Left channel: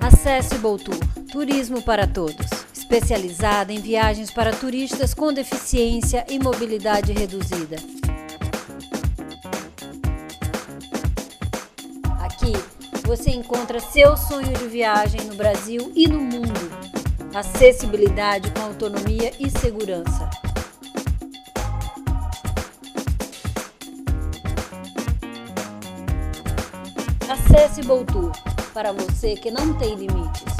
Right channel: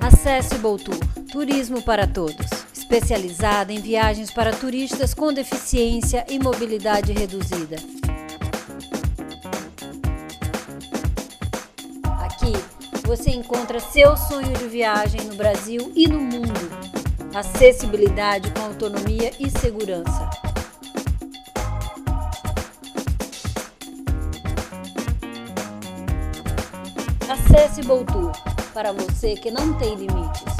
Accessible Tour, turismo para todos, especializada em viagens para turistas com deficiência e mobilidade reduzida. Aqui você encontra seu sonho de viagem no Brasil e no mundo. Acessibilidade com autonomia e segurança. Accessible Tour, para você que não tem limites.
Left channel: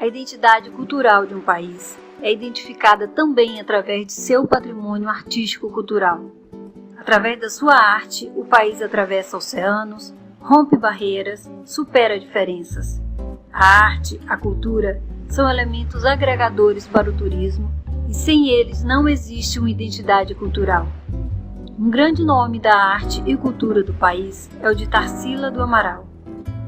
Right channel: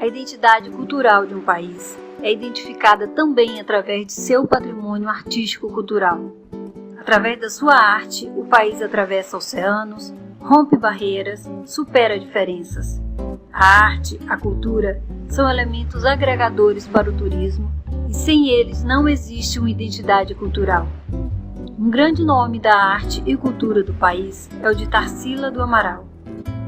A identidade cultural de um país é identificada também através de seu patrimônio artístico-cultural. Através da sua arte, o país atravessa oceanos, rompe barreiras, supera diferenças. A arte, a cultura, são elementos agregadores para o turismo e sem eles não existe uma identidade cultural. Um grande nome da arte e cultura do país é o de Tarsila do Amaral.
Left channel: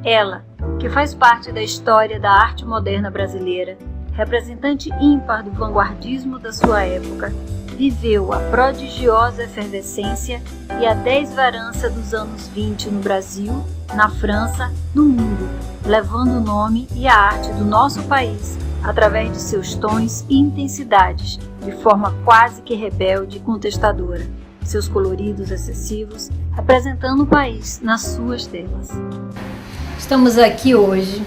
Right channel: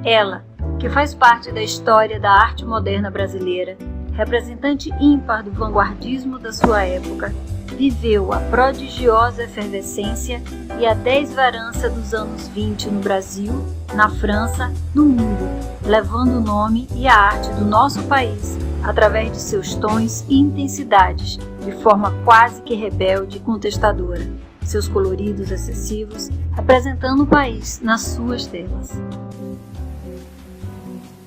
Ela, que faz parte da história da arte moderna brasileira, representante ímpar do vanguardismo da sua época, viveu a prodigiosa efervescência e a desverança dos anos 20 no Brasil, na França, no mundo, levando o nome e a arte do nosso país através de seus tons e intensidades, de forma quase que rebelde e contestadora, seus coloridos excessivos, representando o país nas suas telas. Estamos aqui hoje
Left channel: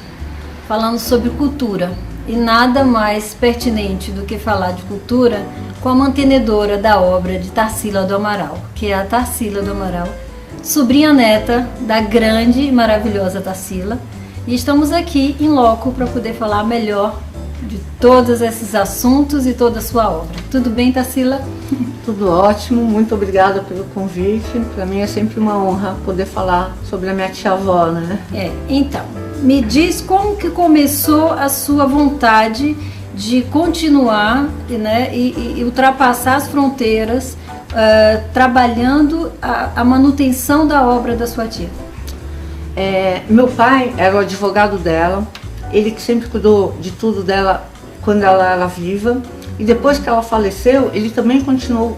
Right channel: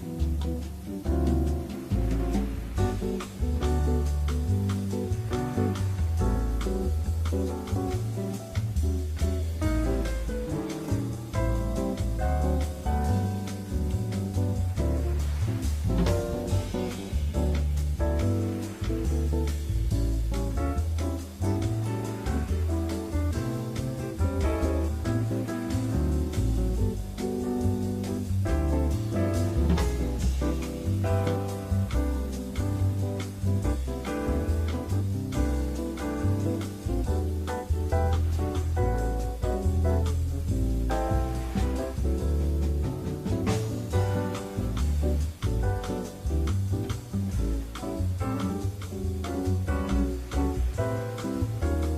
falando sobre cultura e nada mais pertinente do que falar de cultura com a mantenedora da obra de Tarsila do Amaral, que é a Tarsila do Amaral, sobrinha neta da grande e maravilhosa Tarsila, e estamos aqui em loco para poder falar melhor de todos esses assuntos e toda a sua obra. Tudo bem, Tarsila? Tudo ótimo, muito obrigada pelo convite. Para mim é sempre uma honra poder falar sobre a minha tia-avó, né? Então, me diz como que começou a sua vontade de continuar, né, e ultrapassar as fronteiras, trabalhando a manutenção da obra da sua tia. Meu pai era o advogado dela, ele que sempre cuidou de tudo dela quando ela era viva, e depois que ela faleceu, ele também continuou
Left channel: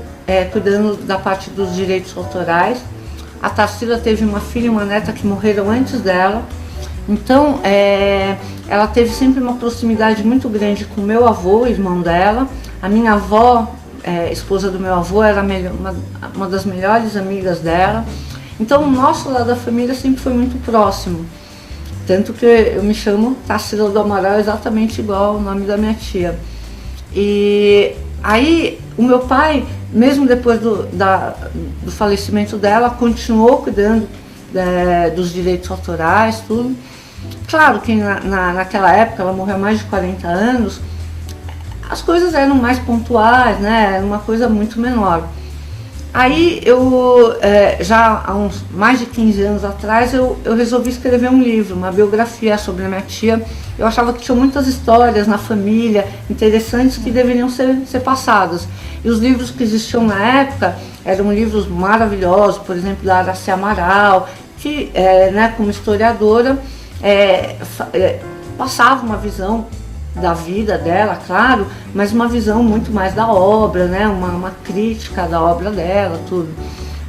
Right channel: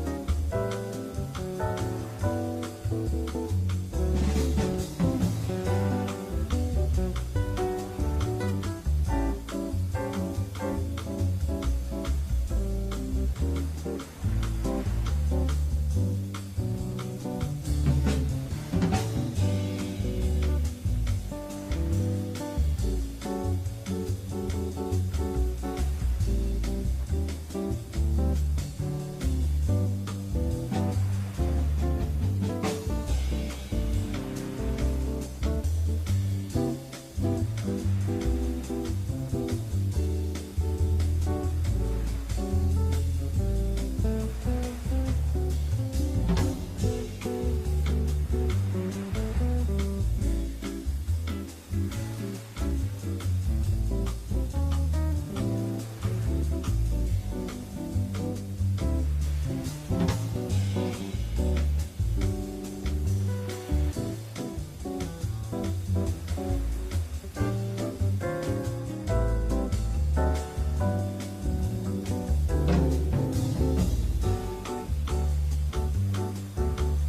cuidando da parte dos direitos autorais. A Tarsila teve uma filha e uma neta que morreram antes dela, então ela teve sempre uma proximidade muito grande com meu avô, irmão dela. A minha avó, esposa do meu avô, era uma das melhores amigas dela. Então o nosso lado da família sempre foi muito próximo. Tanto que eu me chamo Tarsila do Amaral, exatamente igual o nome da minha tia. E aí o meu pai, mesmo depois do falecimento dela, continuou cuidando dos direitos autorais, tudo. Claro que naquela época, ela morreu há mais de 40 anos, as coisas eram mais pontuais, né? Era uma coisa muito menor. Aí eu, já há uns mais de 15 anos atrás, eu resolvi escrever um livro, uma biografia sobre a minha tia. Eu achava que tinha muitas histórias na família interessantes que deveriam ser passadas. E os livros que existiam na época eram livros maravilhosos, por exemplo, da Aracy Amaral, que, né, como historiadora, passava uma visão da vida dela, claro, mas uma visão muito mais da obra, né? Uma crítica da obra dela, tudo.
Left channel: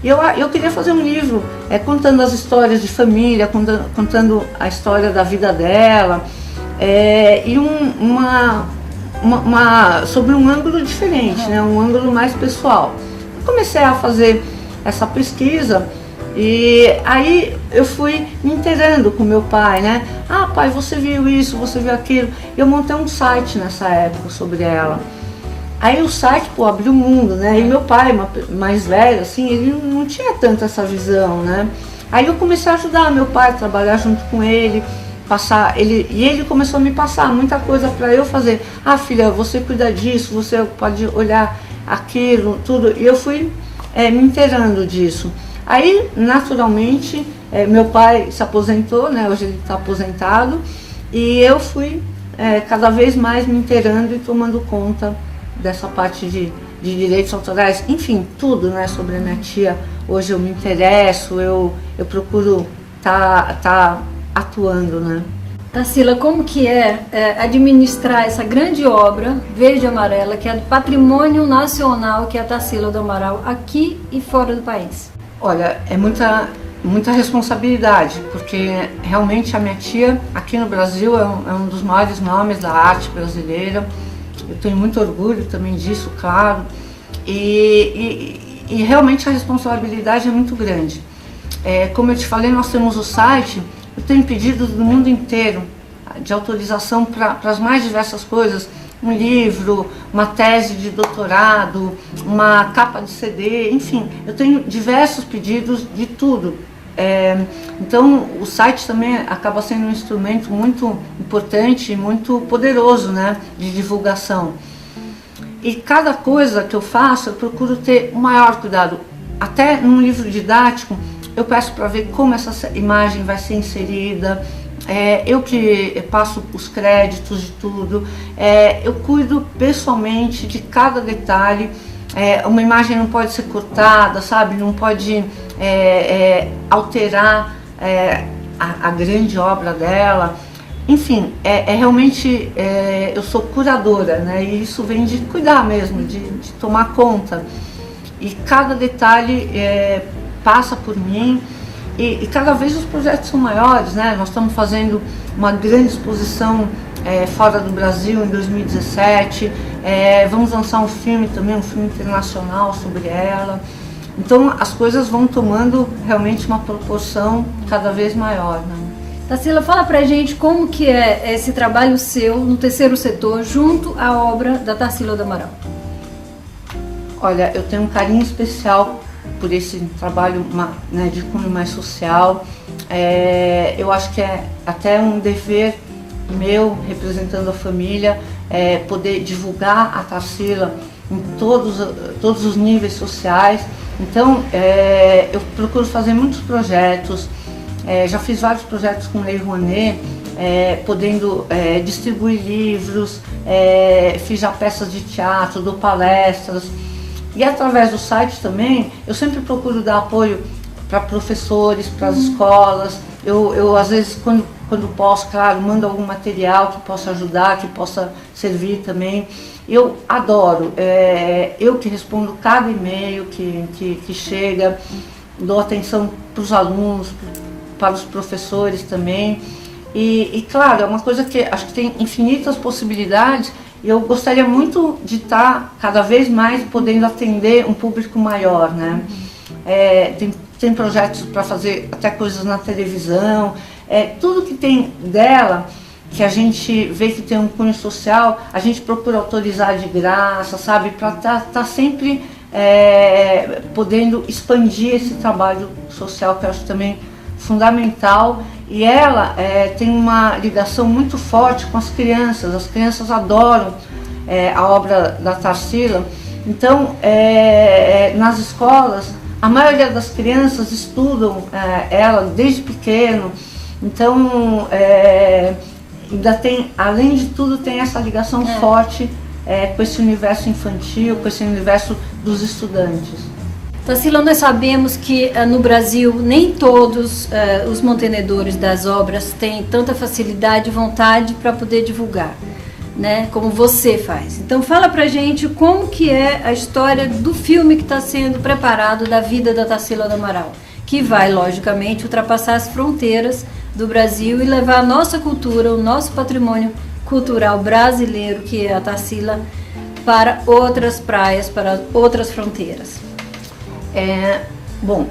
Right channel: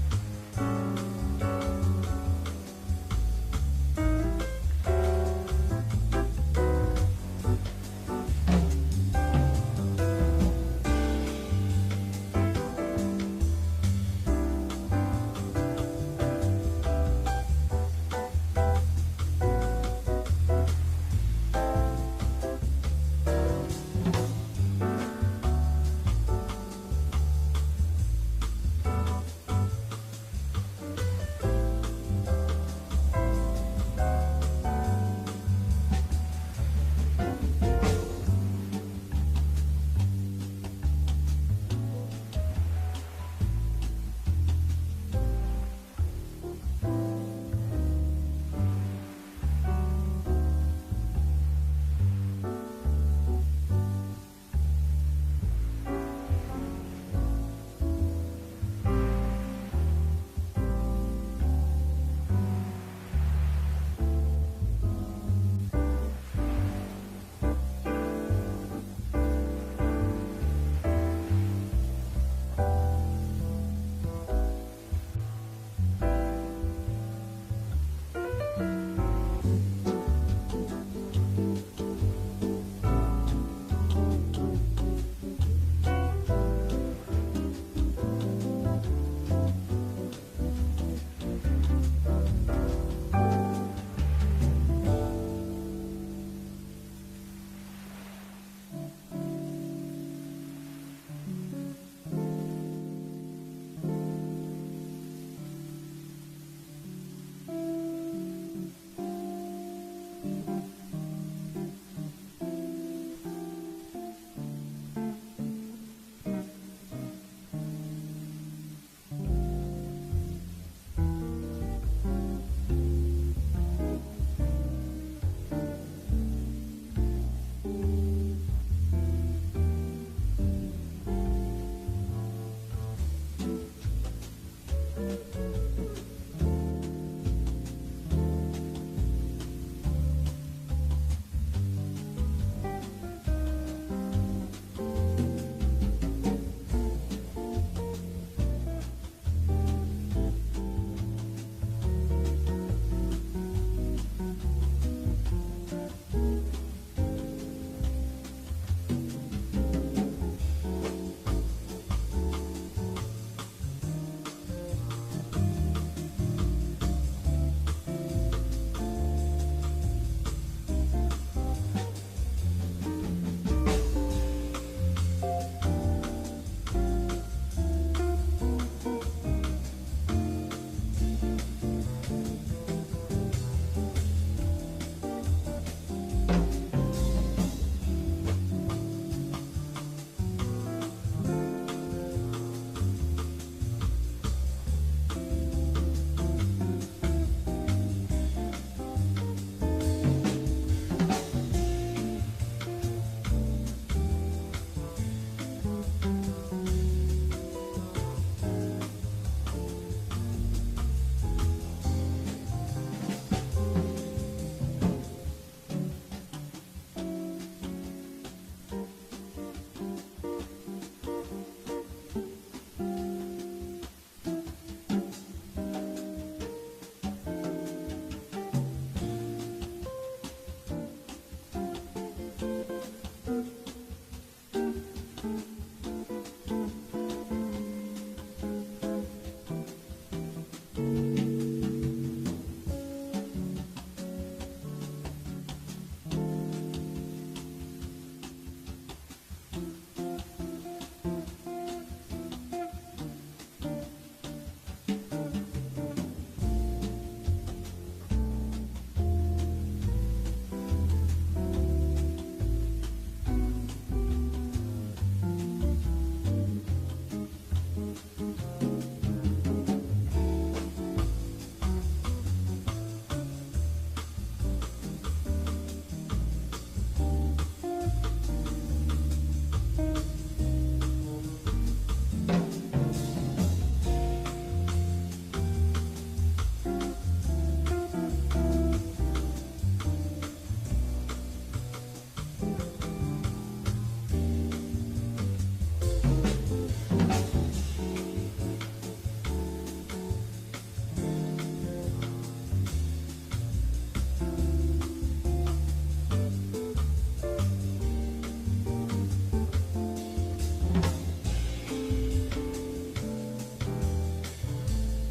E eu queria fazer um livro contando as histórias de família, contando a história da vida dela, e sobre um ângulo diferente, né? Um ângulo mais pessoal. Comecei a fazer essa pesquisa. E aí eu fui me inteirando com meu pai, né? Ah, pai, você viu isso, você viu aquilo. Eu montei um site nessa época sobre ela. Aí o site, abriu o mundo, né? E meu pai, mais velho, assim, ele não tinha tanto essa visão, né? Aí eu comecei a ajudar meu pai a trabalhar junto com ele, e ele começou a me passar muita coisa para eu fazer. Ah, filha, você cuida disso, você pode olhar aquilo, tudo. E eu fui me inteirando disso. Aí, naturalmente, meu pai se aposentou, né? Hoje ele está aposentado, e eu fui cada vez mais me inteirando e tomando conta dessa parte de direitos autorais, enfim, tudo, né, sobre a minha tia. Hoje eu me interesso, eu procuro tá atuando, né. Tarsila, como que é administrar essa grande obra verde e amarela, que é do patrimônio nacional, que é a Tarsila do Amaral, aqui e fora do país? Olha, é muita responsabilidade, porque realmente a minha tia aqui no Brasil é um dos maiores nomes da arte brasileira. Eu tenho muito orgulho também disso, claro, e realmente a responsabilidade é muito grande. Como eu te falei, nós temos o site, eu tenho pedidos do mundo inteiro de autorização para as mais diversas coisas, um livro, uma tese de doutorado, uma capa de CD, enfim, eu tenho diversos pedidos de tudo. Então o site também acaba sendo um instrumento muito importante e muito poderoso, né, de divulgação. E cada coisa que eu faço eu procuro ter o maior cuidado. Até num livro didático eu peço para ver como essa imagem vai ser inserida, eu que passo os créditos de tudo, eu cuido pessoalmente de cada detalhe. Uma imagem não pode ser cortada, sabe? Não pode alterar a grande obra dela. Enfim, realmente eu sou curadora, né? E isso vem de cuidar mesmo, de tomar conta. E cada detalhe passa por mim. E cada vez os projetos são maiores, né? Nós estamos fazendo uma grande exposição fora do Brasil em 2017, vamos lançar um filme também, um filme internacional sobre ela. Então as coisas vão tomando realmente uma proporção cada vez maior, né? Tarsila, fala pra gente como que é esse trabalho seu no terceiro setor junto à obra da Tarsila do Amaral. Olha, eu tenho um carinho especial por esse trabalho, né, de cunho mais social. Eu acho que é até um dever meu, representando a família, poder divulgar a Tarsila em todos os níveis sociais. Então, eu procuro fazer muitos projetos, já fiz vários projetos com Lei Rouanet, podendo distribuir livros, fiz já peças de teatro, dou palestras. E através do site também, eu sempre procuro dar apoio para professores, para as escolas. Eu às vezes, quando posso, claro, mando algum material que possa ajudar, que possa servir também. Eu adoro, eu que respondo cada e-mail que chega, dou atenção para os alunos, para os professores também. E claro, é uma coisa que acho que tem infinitas possibilidades. E eu gostaria muito de estar cada vez mais podendo atender um público maior, né? Tem projetos para fazer até coisas na televisão, tudo que tem dela, que a gente vê que tem um cunho social, a gente procura autorizar de graça, sabe? Para tá sempre podendo expandir esse trabalho social, que eu acho também fundamental. E ela tem uma ligação muito forte com as crianças adoram a obra da Tarsila. Então, nas escolas, a maioria das crianças estudam ela desde pequeno. Então, ainda tem, além de tudo, tem essa ligação forte com esse universo infantil, com esse universo dos estudantes. Tarsila, nós sabemos que no Brasil nem todos os mantenedores das obras têm tanta facilidade e vontade para poder divulgar, né, como você faz. Então fala pra gente como que é a história do filme que está sendo preparado da vida da Tarsila do Amaral, que vai, logicamente, ultrapassar as fronteiras do Brasil e levar a nossa cultura, o nosso patrimônio cultural brasileiro, que é a Tarsila, para outras praias, para outras fronteiras. Bom,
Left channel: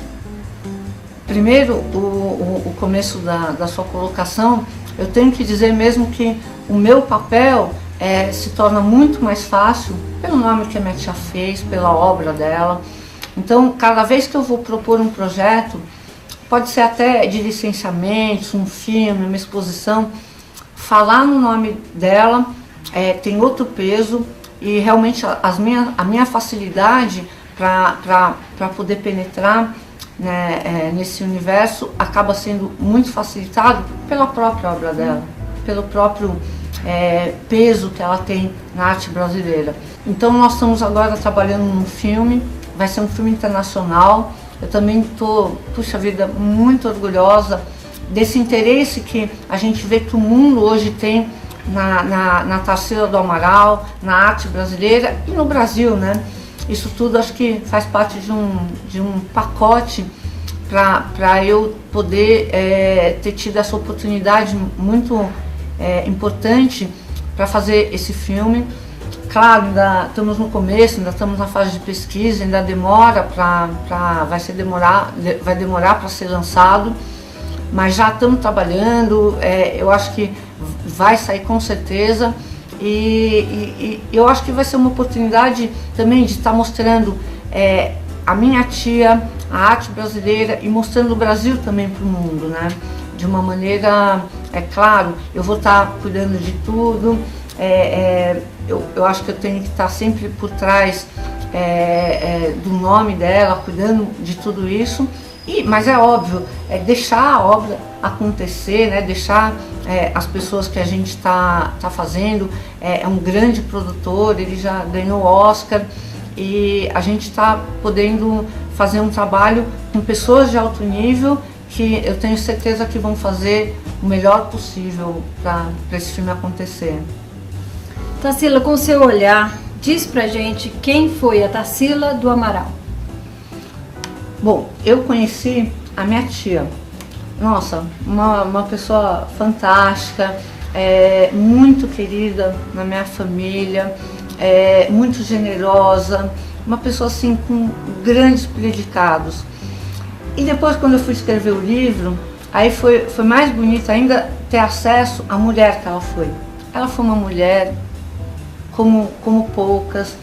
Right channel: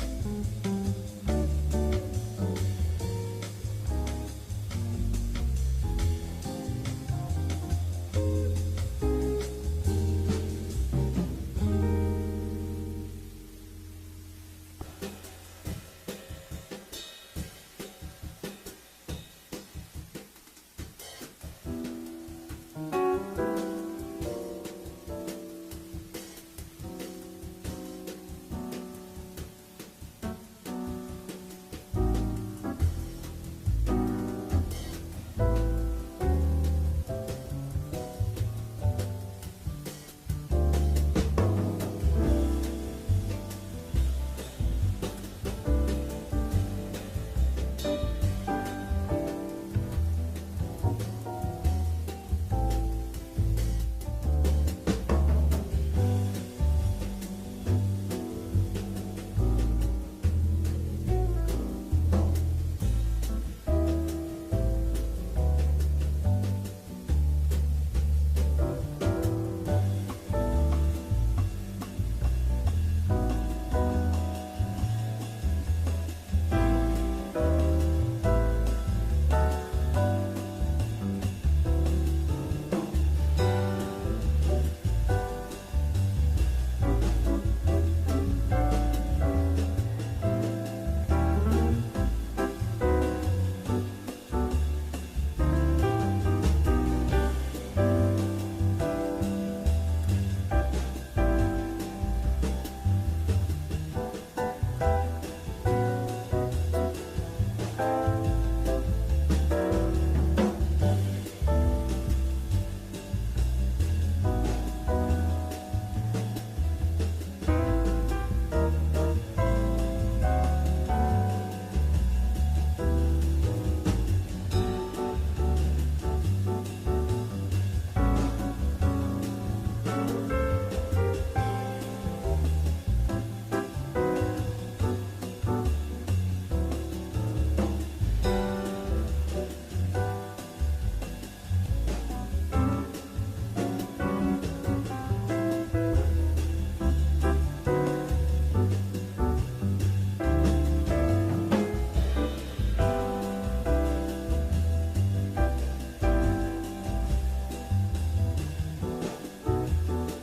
primeiro o começo da sua colocação, eu tenho que dizer mesmo que o meu papel se torna muito mais fácil pelo nome que a minha tia fez, pela obra dela. Então, cada vez que eu vou propor um projeto, pode ser até de licenciamento, um filme, uma exposição, falar no nome dela tem outro peso. e realmente a minha facilidade para poder penetrar, né, nesse universo acaba sendo muito facilitado pela própria obra dela, pelo próprio peso que ela tem na arte brasileira. Então nós estamos agora trabalhando num filme, vai ser um filme internacional. Eu também estou, puxa vida, muito orgulhosa desse interesse que a gente vê que o mundo hoje tem na Tarsila do Amaral, na arte brasileira e no Brasil, né? Isso tudo acho que faz parte de um pacote para eu poder ter tido essa oportunidade muito importante para fazer esse filme. Claro, ainda estamos no começo, ainda estamos na fase de pesquisa, ainda demora vai demorar para ser lançado, mas já estamos trabalhando, eu acho que vai sair com certeza. E eu acho que vai ser uma oportunidade também de estar mostrando a minha tia, a arte brasileira e mostrando o Brasil também para o mundo, né? De uma maneira, claro, eu vou estar cuidando de tudo, eu acho que eu tenho que estar sempre por trás do nome dela, cuidando de tudo isso. Mas é óbvio, deixar a obra acontecer, né? Deixar as pessoas que a gente está fazendo, é um grande produtor, ele já ganhou o Oscar e a gente está podendo fazer um trabalho com pessoas de alto nível que eu tenho certeza que vão fazer o melhor possível para esse filme acontecer. Tarsila, com seu olhar, diz pra gente quem foi a Tarsila do Amaral. Bom, eu conheci a minha tia, nossa, uma pessoa fantástica, muito querida na minha família, muito generosa, uma pessoa assim com grandes predicados. E depois, quando eu fui escrever o livro, aí foi mais bonito ainda ter acesso à mulher que ela foi. Ela foi uma mulher como poucas,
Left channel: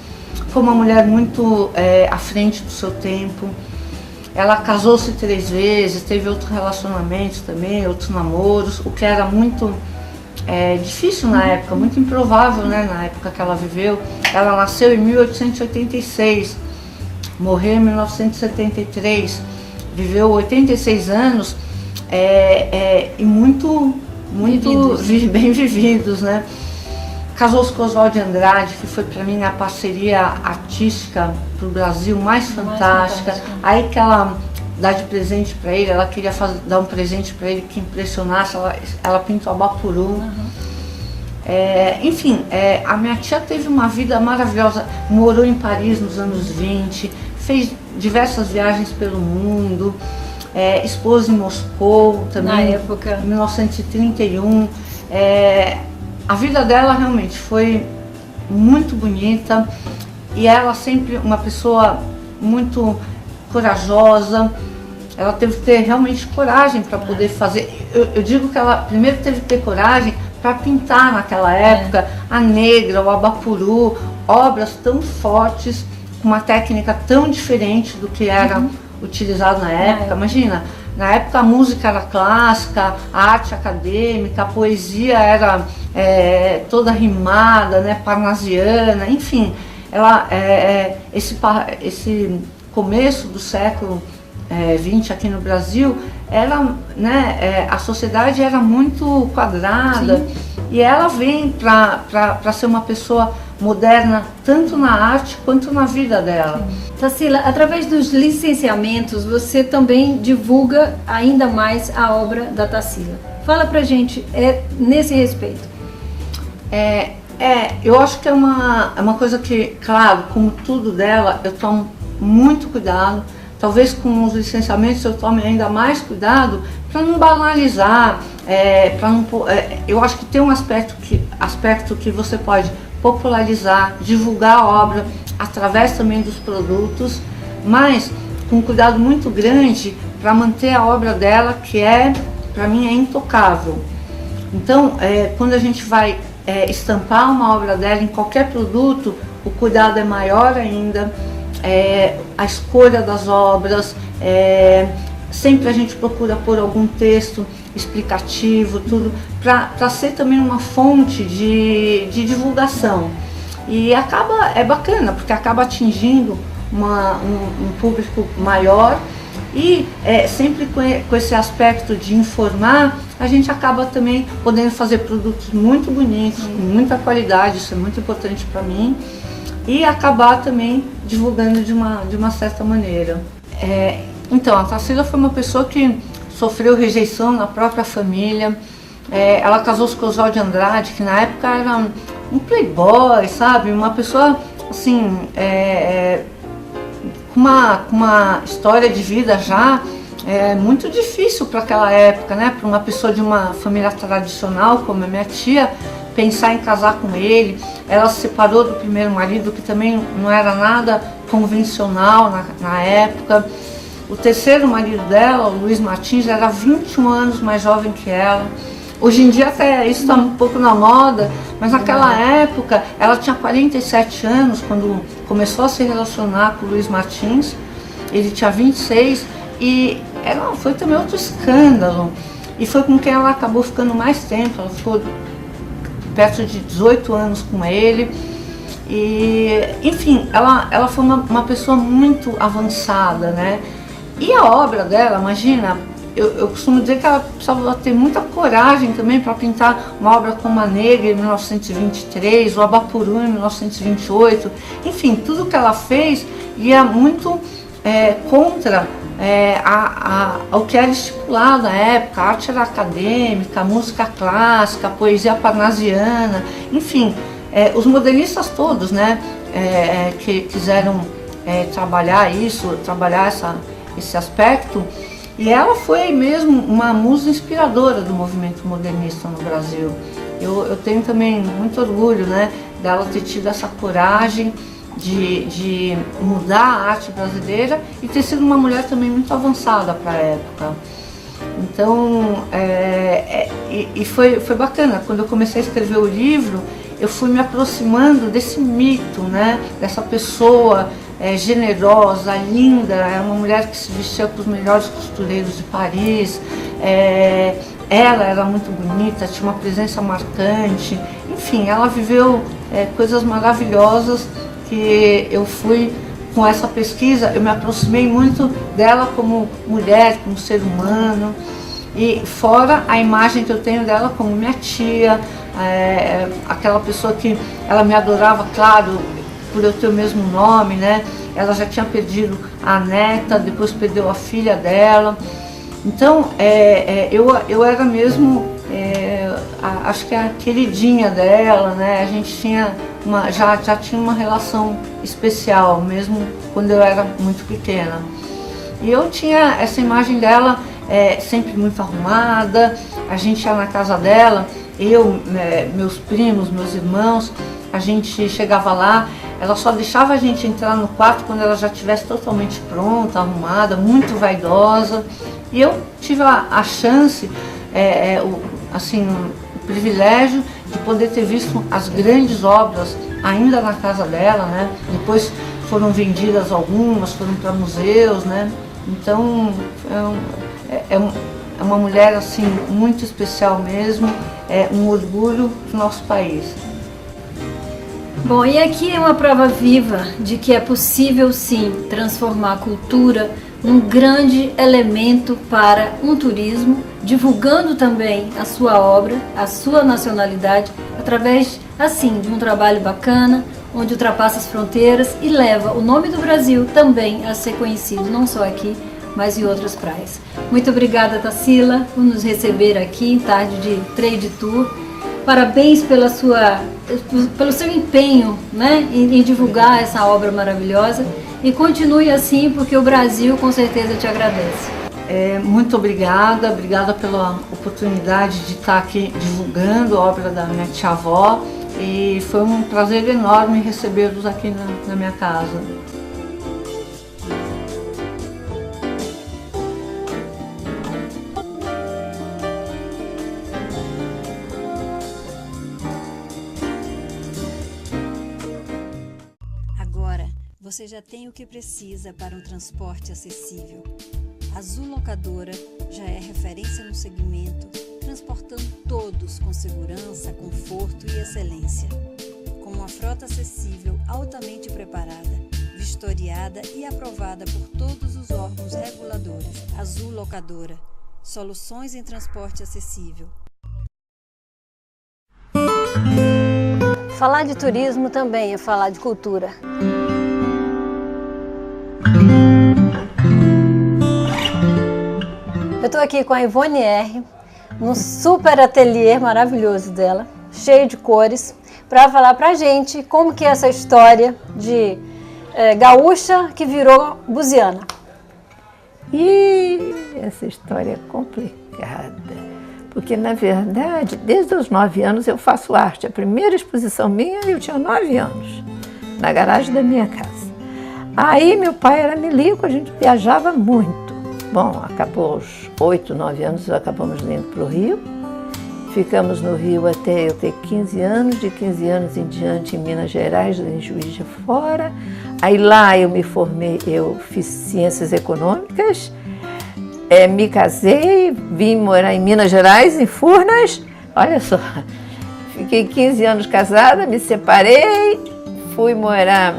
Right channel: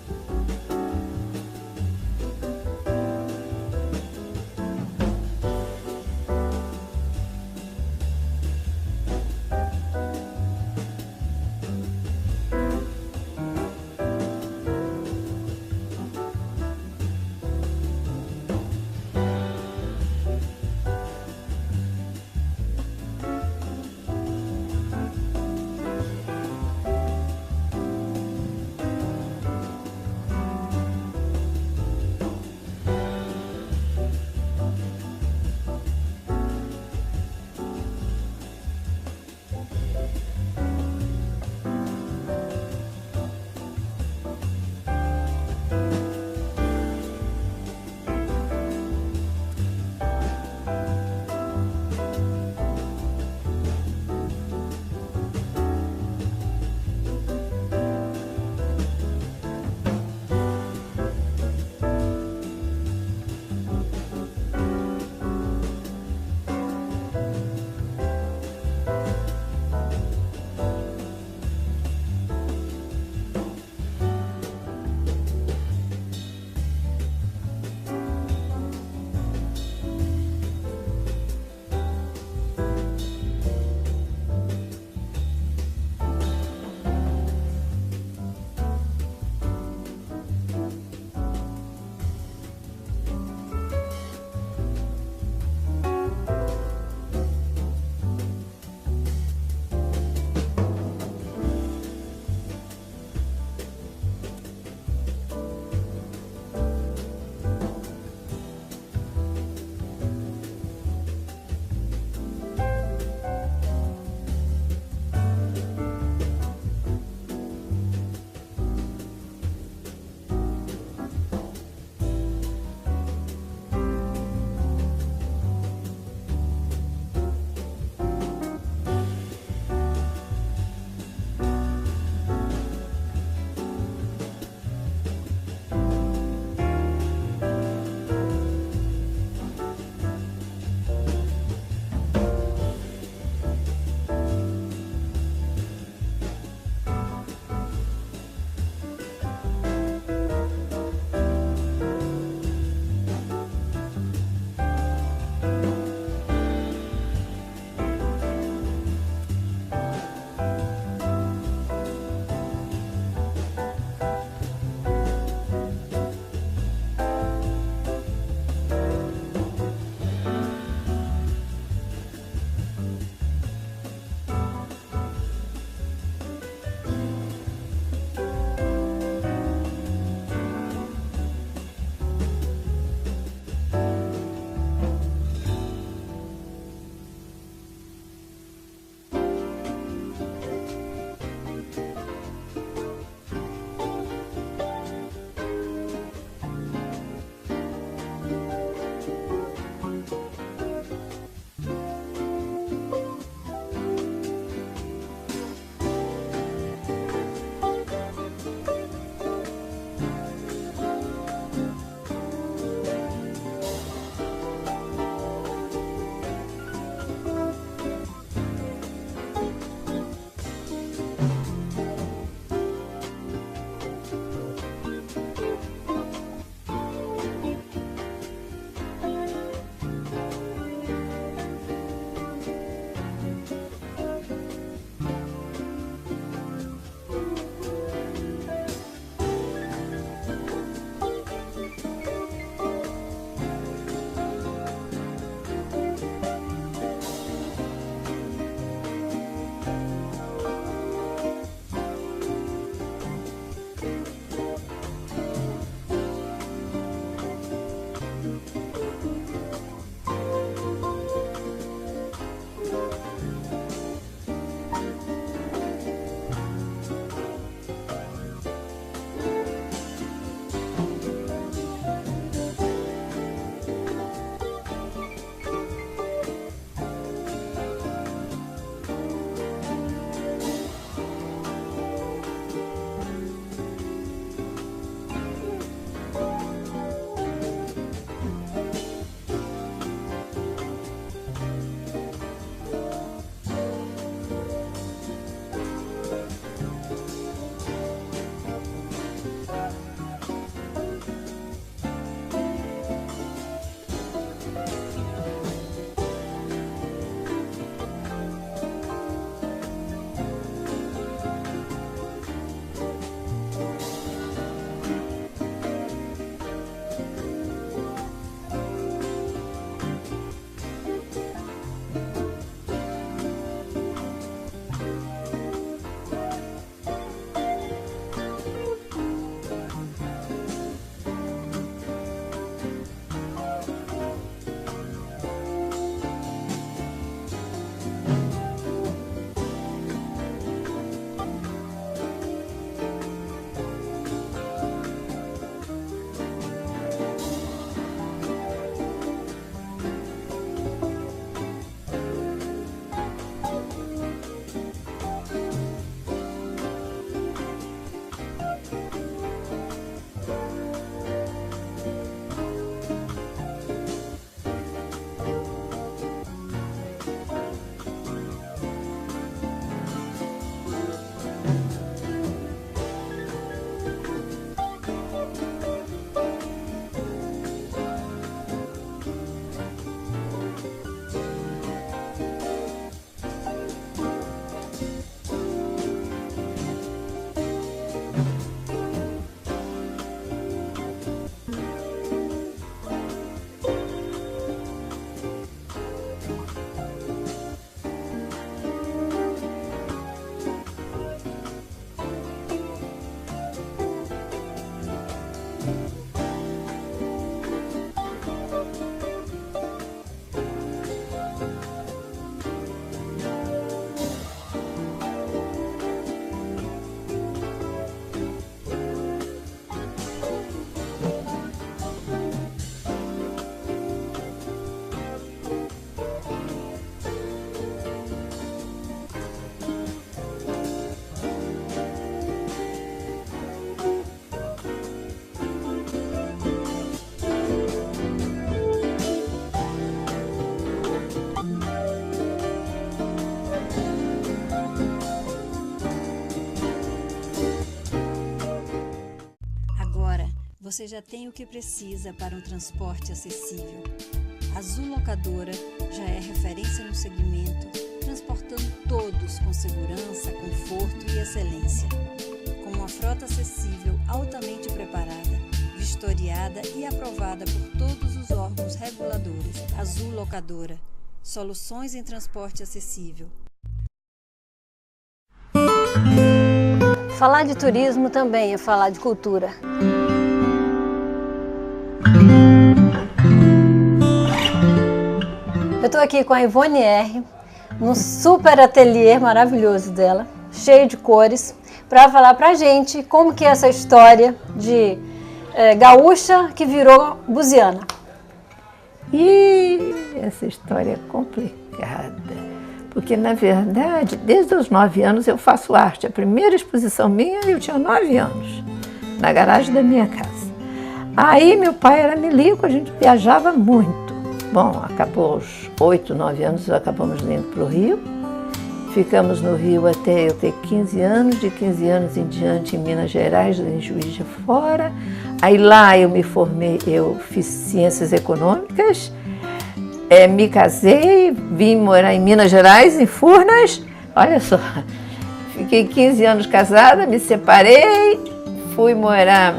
foi uma mulher muito à frente do seu tempo. Ela casou-se 3 vezes, teve outros relacionamentos também, outros namoros, o que era muito difícil na época, muito improvável, né, na época que ela viveu. Ela nasceu em 1886, morreu em 1973, viveu 86 anos e muito bem vividos, né? Casou-se com Oswald de Andrade, que foi para mim a parceria artística para o Brasil mais fantástica. Aí que ela dá de presente para ele, ela queria dar um presente para ele que impressionasse, ela pintou a Bapuru. Enfim, a minha tia teve uma vida maravilhosa, morou em Paris nos anos 20, fez diversas viagens pelo mundo, expôs em Moscou também, na época, em 1931. A vida dela realmente foi muito bonita e ela sempre uma pessoa muito corajosa. Ela teve que ter realmente coragem para poder fazer. Eu digo que ela primeiro teve que ter coragem para pintar naquela época a Negra, o Abapuru, obras tão fortes, com uma técnica tão diferente do que era utilizado na época. Imagina, na época a música era clássica, a arte acadêmica, a poesia era toda rimada, né, parnasiana, enfim. Esse começo do século XX aqui no Brasil, a sociedade era muito quadrada. Sim. E ela vem para ser uma pessoa moderna, tanto na arte quanto na vida dela. Tarsila, através dos licenciamentos, você também divulga ainda mais a obra da Tarsila. Fala pra gente nesse respeito. Eu acho que é uma coisa que, claro, como tudo dela, eu tomo muito cuidado. Talvez com os licenciamentos eu tome ainda mais cuidado para não banalizar, eu acho que tem um aspecto que você pode popularizar, divulgar a obra através também dos produtos, mas com um cuidado muito grande para manter a obra dela, que para mim é intocável. Então, quando a gente vai estampar uma obra dela em qualquer produto, o cuidado é maior ainda. A escolha das obras, sempre a gente procura pôr algum texto explicativo, tudo, para ser também uma fonte de divulgação. E é bacana, porque acaba atingindo um público maior e sempre com esse aspecto de informar, a gente acaba também podendo fazer produtos muito bonitos, com muita qualidade, isso é muito importante para mim, e acabar também divulgando de uma certa maneira. Então, a Tarsila foi uma pessoa que sofreu rejeição na própria família. Ela casou-se com o Oswald de Andrade, que na época era um playboy, sabe? Uma pessoa, assim, com uma história de vida já muito difícil para aquela época, né? Para uma pessoa de uma família tradicional, como a minha tia, pensar em casar com ele. Ela se separou do primeiro marido, que também não era nada convencional na época. O terceiro marido dela, o Luiz Martins, era 21 anos mais jovem que ela. Hoje em dia até isso está um pouco na moda, mas naquela época ela tinha 47 anos quando começou a se relacionar com o Luiz Martins. Ele tinha 26 e foi também outro escândalo. E foi com quem ela acabou ficando mais tempo, ela ficou perto de 18 anos com ele. E, enfim, ela foi uma pessoa muito avançada, né? E a obra dela, imagina, eu costumo dizer que ela precisava ter muita coragem também para pintar uma obra como A Negra em 1923, o Abapuru em 1928. Enfim, tudo que ela fez ia muito contra ao que era estipulado na época. A arte era acadêmica, a música clássica, a poesia parnasiana, enfim, os modernistas todos, né, que quiseram trabalhar esse aspecto. E ela foi mesmo uma musa inspiradora do movimento modernista no Brasil. Eu tenho também muito orgulho, né, dela ter tido essa coragem de mudar a arte brasileira e ter sido uma mulher também muito avançada para a época. Então, foi bacana. Quando eu comecei a escrever o livro, eu fui me aproximando desse mito, né, dessa pessoa generosa, linda, era uma mulher que se vestia com os melhores costureiros de Paris, ela era muito bonita, tinha uma presença marcante, enfim, ela viveu coisas maravilhosas que eu fui, com essa pesquisa, eu me aproximei muito dela como mulher, como ser humano, e fora a imagem que eu tenho dela como minha tia, aquela pessoa que ela me adorava, claro, por eu ter o mesmo nome, né? Ela já tinha perdido a neta, depois perdeu a filha dela. Então, eu era mesmo, acho que a queridinha dela, né? A gente tinha já tinha uma relação especial, mesmo quando eu era muito pequena. E eu tinha essa imagem dela sempre muito arrumada. A gente ia na casa dela, meus primos, meus irmãos, a gente chegava lá, ela só deixava a gente entrar no quarto quando ela já estivesse totalmente pronta, arrumada, muito vaidosa. E eu tive a chance, o privilégio de poder ter visto as grandes obras ainda na casa dela, né? Depois foram vendidas algumas, foram para museus, né? Então é uma mulher assim muito especial mesmo, um orgulho do nosso país. Bom, e aqui é uma prova viva de que é possível sim transformar a cultura num grande elemento para um turismo, divulgando também a sua obra, a sua nacionalidade, através assim de um trabalho bacana, onde ultrapassa as fronteiras e leva o nome do Brasil também a ser conhecido, não só aqui, mas em outras praias. Muito obrigada, Tarsila, por nos receber aqui em tarde de Trade Tour. Parabéns pelo seu empenho, né, em divulgar essa obra maravilhosa, e continue assim, porque o Brasil com certeza te agradece. Muito obrigada pela oportunidade de estar aqui divulgando a obra da minha tia-avó, e foi um prazer enorme recebê-los aqui na minha casa. Você já tem o que precisa para um transporte acessível. A Azul Locadora já é referência no segmento, transportando todos com segurança, conforto e excelência. Com uma frota acessível, altamente preparada, vistoriada e aprovada por todos os órgãos reguladores. Azul Locadora. Soluções em transporte acessível. Falar de turismo também é falar de cultura. Eu estou aqui com a Ivone R, num super ateliê maravilhoso dela, cheio de cores, para falar pra gente como que é essa história de gaúcha que virou buziana. E essa história é complicada, porque na verdade, desde os 9 anos eu faço arte. A primeira exposição minha eu tinha 9 anos, na garagem da minha casa. Aí meu pai era milico, a gente viajava muito. Bom, acabou os 8, 9 anos, acabamos indo para o Rio. Ficamos no Rio até eu ter 15 anos, de 15 anos em diante em Minas Gerais, em Juiz de Fora. Aí lá eu me formei, eu fiz Ciências Econômicas, me casei, vim morar em Minas Gerais, em Furnas. Olha só, fiquei 15 anos casada, me separei, fui morar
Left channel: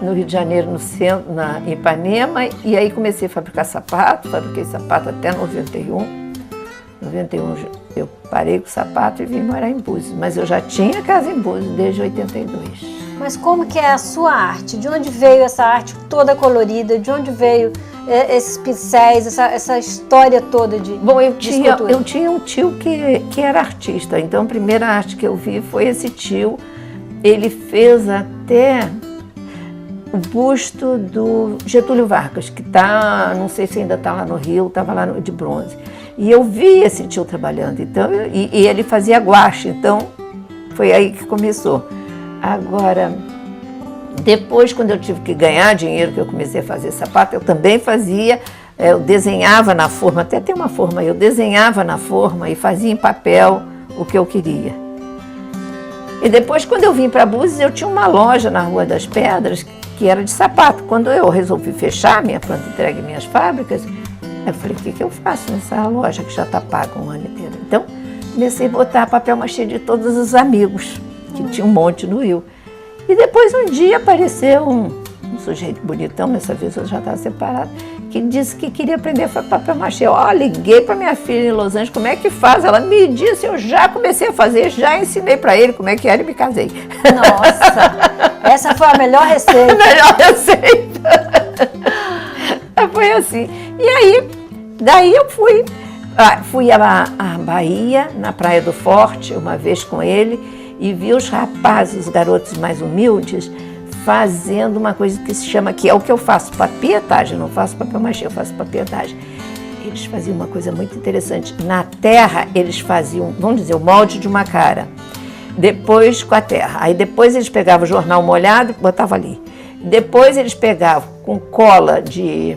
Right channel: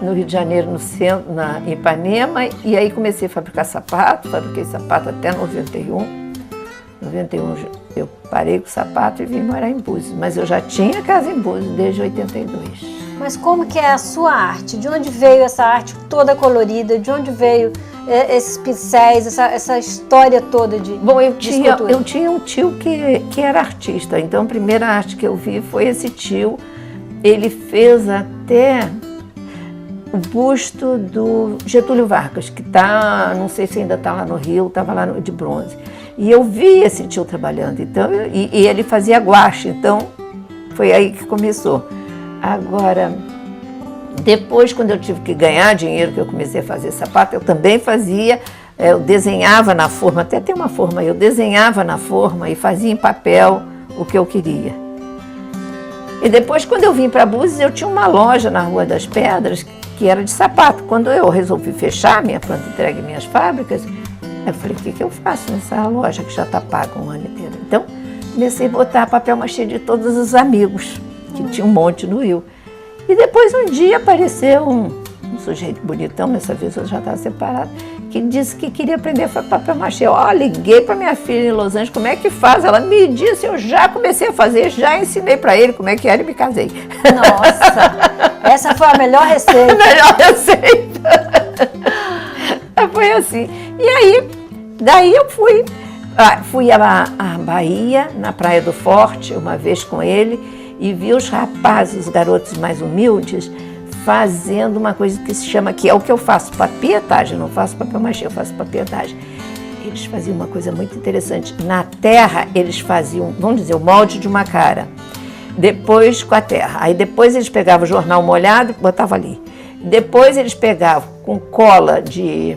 no Rio de Janeiro, no centro, em Ipanema, e aí comecei a fabricar sapato, fabriquei sapato até 91. 91 eu parei com o sapato e vim morar em Búzios, mas eu já tinha casa em Búzios desde 82. Mas como que é a sua arte? De onde veio essa arte toda colorida? De onde veio esses pincéis, essa história toda de Bom, eu de escultura? Eu tinha um tio que era artista, então a primeira arte que eu vi foi esse tio. Ele fez até o busto do Getúlio Vargas, que está, não sei se ainda está lá no Rio, estava lá de bronze. E eu vi esse tio trabalhando, então, e ele fazia guache, então foi aí que começou. Agora, depois, quando eu tive que ganhar dinheiro, que eu comecei a fazer sapato, eu também fazia, eu desenhava na forma, até tem uma forma aí, eu desenhava na forma e fazia em papel o que eu queria. E depois, quando eu vim para Búzios, eu tinha uma loja na Rua das Pedras, que era de sapato. Quando eu resolvi fechar minha planta entrega e minhas fábricas, eu falei, o que eu faço nessa loja que já está paga um ano inteiro? Então, comecei a botar papel machê de todos os amigos, que tinha um monte no Rio. E depois, um dia, apareceu um sujeito bonitão, dessa vez eu já estava separada, que disse que queria aprender a fazer papel machê. Eu liguei para minha filha em Los Angeles, como é que faz? Ela me disse, eu já comecei a fazer, já ensinei para ele como é que era e me casei. Nossa, essa foi a melhor receita. A melhor receita. Foi assim. E aí, daí eu fui à Bahia, na Praia do Forte, uma vez com ele, e vi os rapazes, os garotos mais humildes, fazendo uma coisa que se chama, que é o que eu faço, papietagem, não faço papel machê, eu faço papietagem. Eles faziam uma coisa muito interessante. Na terra, eles faziam, vamos dizer, o molde de uma cara. Depois com a terra. Aí depois eles pegavam o jornal molhado e botavam ali. Depois eles pegavam com cola de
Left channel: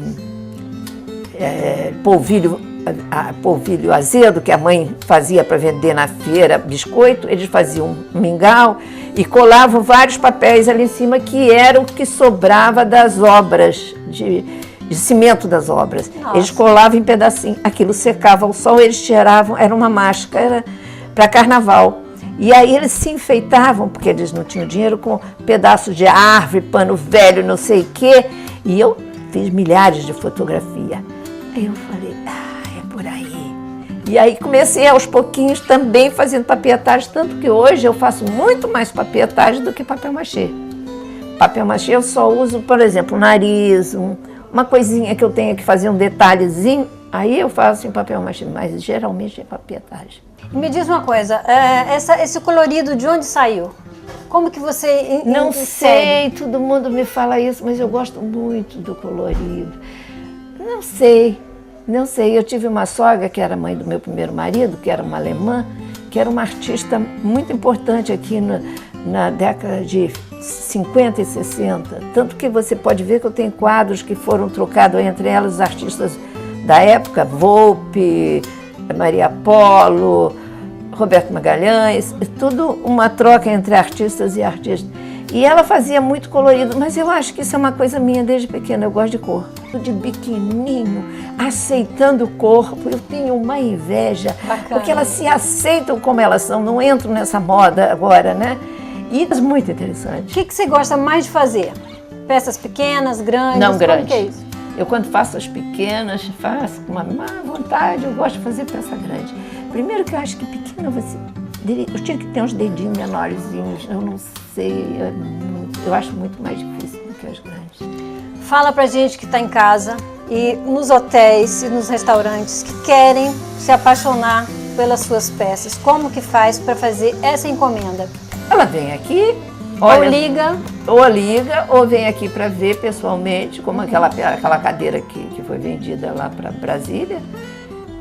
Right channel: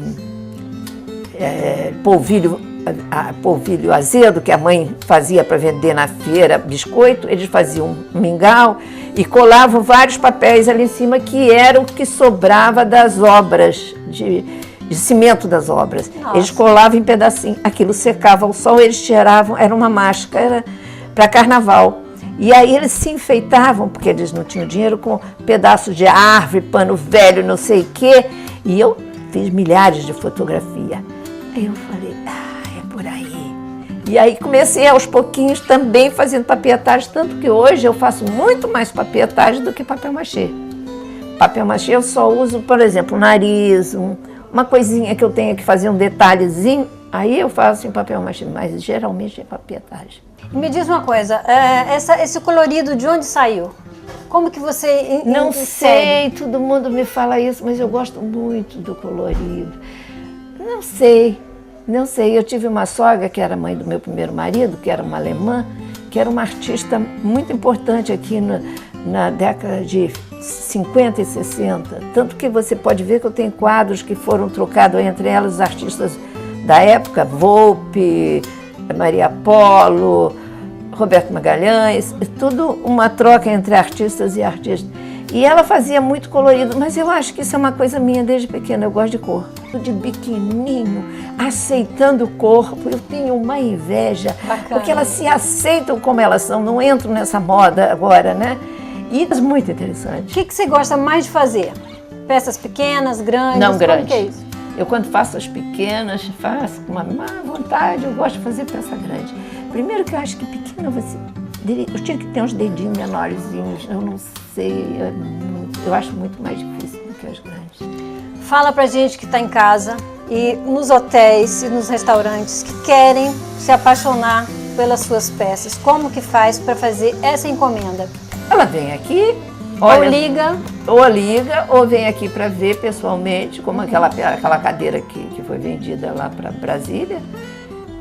polvilho azedo, que a mãe fazia para vender na feira, biscoito, eles faziam um mingau e colavam vários papéis ali em cima, que era o que sobrava das obras, de cimento das obras. Nossa. Eles colavam em pedacinho, aquilo secava ao sol, eles tiravam, era uma máscara para carnaval. E aí eles se enfeitavam, porque eles não tinham dinheiro, com pedaços de árvore, pano velho, não sei o quê. E eu fiz milhares de fotografias. Aí eu falei, é por aí. E aí comecei aos pouquinhos também fazendo papietagem, tanto que hoje eu faço muito mais papietagem do que papel machê. Papel machê eu só uso, por exemplo, o nariz, uma coisinha que eu tenha que fazer um detalhezinho, aí eu faço em papel machê, mas geralmente é papietagem. Me diz uma coisa, esse colorido de onde saiu? Como que você Não sei, todo mundo me fala isso, mas eu gosto muito do colorido. Não sei. Eu tive uma sogra que era mãe do meu primeiro marido, que era uma alemã, que era uma artista muito importante aqui na década de 50 e 60. Tanto que você pode ver que eu tenho quadros que foram trocados entre elas, os artistas da época, Volpe, Maria Polo, Roberto Magalhães, tudo uma troca entre artistas e artistas. E ela fazia muito colorido, mas eu acho que isso é uma coisa minha desde pequena, eu gosto de cor. De biquininho, aceitando o corpo, eu tenho uma inveja, porque elas se aceitam como elas são, não entram nessa moda agora, né? E muito O interessante. que você gosta mais de fazer? Peças pequenas, grandes? Não, Como grande. que é isso? Eu, quando faço as pequenas, faço com uma má vontade, eu gosto de fazer peça grande. Primeiro que eu acho que pequena você... Eu tinha que ter uns dedinhos menorzinhos, eu não sei, eu acho muito mais difícil do que as grandes. Fala pra gente que está em casa e nos hotéis e nos restaurantes que querem se apaixonar pelas suas peças. Como que faz para fazer essa encomenda? Ela vem aqui, olha, Ou liga. liga, ou vem aqui para ver pessoalmente, como aquela cadeira que foi vendida lá para Brasília.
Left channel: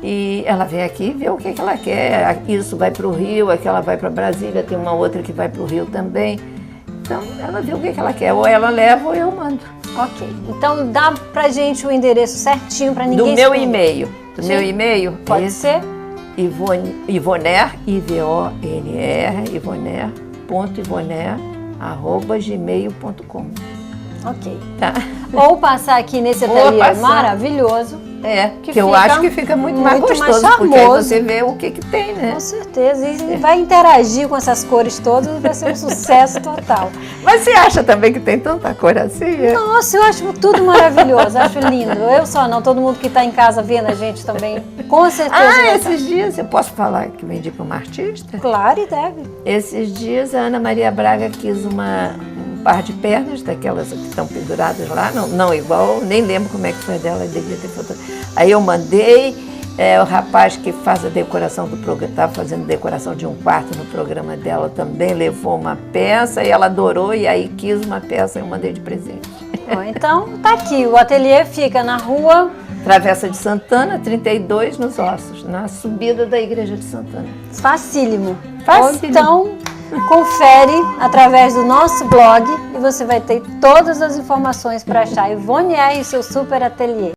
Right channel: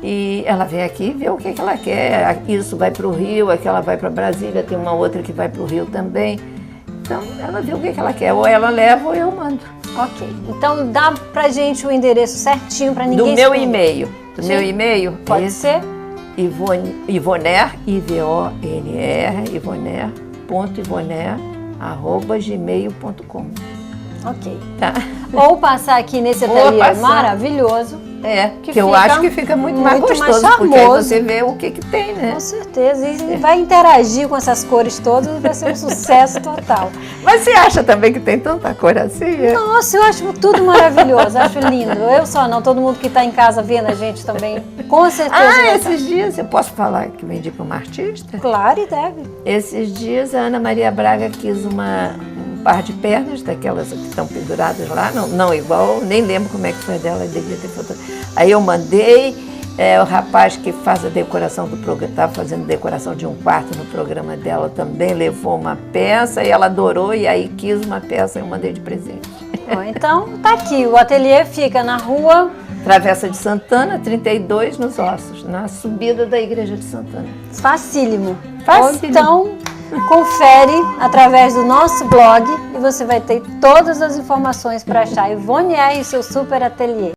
E ela vem aqui e vê o que ela quer. Isso vai para o Rio, aquela vai para Brasília, tem uma outra que vai para o Rio também. Então ela vê o que ela quer, ou ela leva ou eu mando. Ok, então dá pra gente o endereço certinho para ninguém Do se meu perder. e-mail. Do Sim. meu e-mail? Pode esse, ser? Ivoner, I-V-O-N-R, ivoner.ivoner@gmail.com. Ok. Tá? Ou passar aqui nesse Ou ateliê passar. maravilhoso. Que eu fica acho que fica muito mais muito mais gostoso, porque aí charmoso. você vê o que tem, né? Com certeza. E vai interagir com essas cores todas, vai ser um sucesso total. Mas você acha também que tem tanta cor assim? Nossa, eu acho tudo maravilhoso, acho lindo. Eu só não, todo mundo que está em casa vendo a gente também, com certeza vai estar. Esses dias, eu posso falar que vendi para uma artista? Claro, e deve. Esses dias a Ana Maria Braga quis um par de pernas, daquelas que estão penduradas lá, não igual, nem lembro como é que foi dela, devia ter foto. Aí eu mandei, o rapaz que faz a decoração do programa, estava fazendo decoração de um quarto no programa dela, também levou uma peça e ela adorou, e aí quis uma peça e eu mandei de presente. Bom, então tá aqui, o ateliê fica na rua... Travessa de Santana, 32, nos Ossos, na subida da Igreja de Santana. Facílimo. Facílimo. Então, confere através do nosso blog e você vai ter todas as informações para achar Ivone R e seu super ateliê.